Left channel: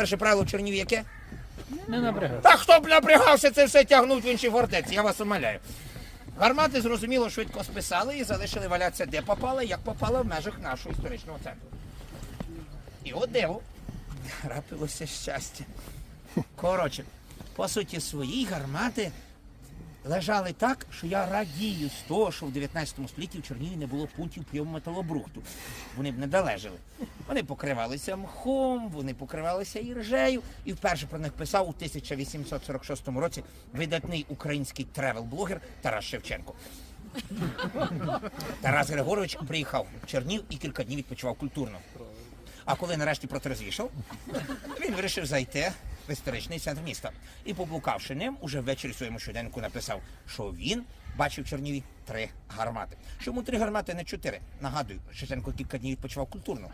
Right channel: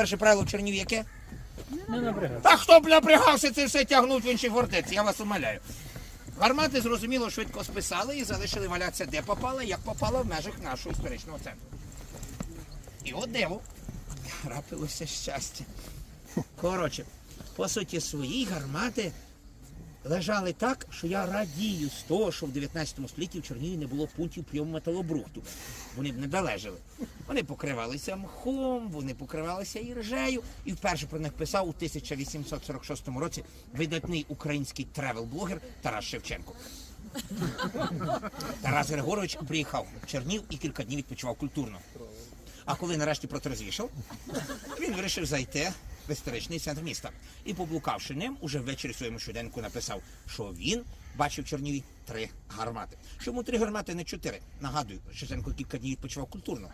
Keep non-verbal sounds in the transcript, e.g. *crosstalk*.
Перше правило в Черніві яке? Не напрягайся. Та хто б напрягався це все тягнуть в інші фортеці, я вас умоляю. Гармати зрозуміло швидко списали і залишили валятися де попало, як попало в межах нашого історичного центру. І от диво. Трапилося щастя. Коротше, по суті, свої гармати лежали так, що я радію з того, що в 19 столітті в Чернігові не було пунктів прийому металобрухту. Вони б не долежали. Вони покривалися мхом, вони покривалися іржею. І вперше про них писав у 1846 році видатний український тревел-блогер Тарас Шевченко. *laughs* Тарас Григорович приїхав в Чернів і кілька днів відпочивав культурно. А коли нарешті протрезвішав, він вирішив зайти в історичний центр міста. І, поблукавши ним, уже ввечері своєму щоденнику написав, що він бачив в Черніві три гармати. Чому три гармати, не чотири? Нагадую, Шевченко кілька днів відпочивав культурно.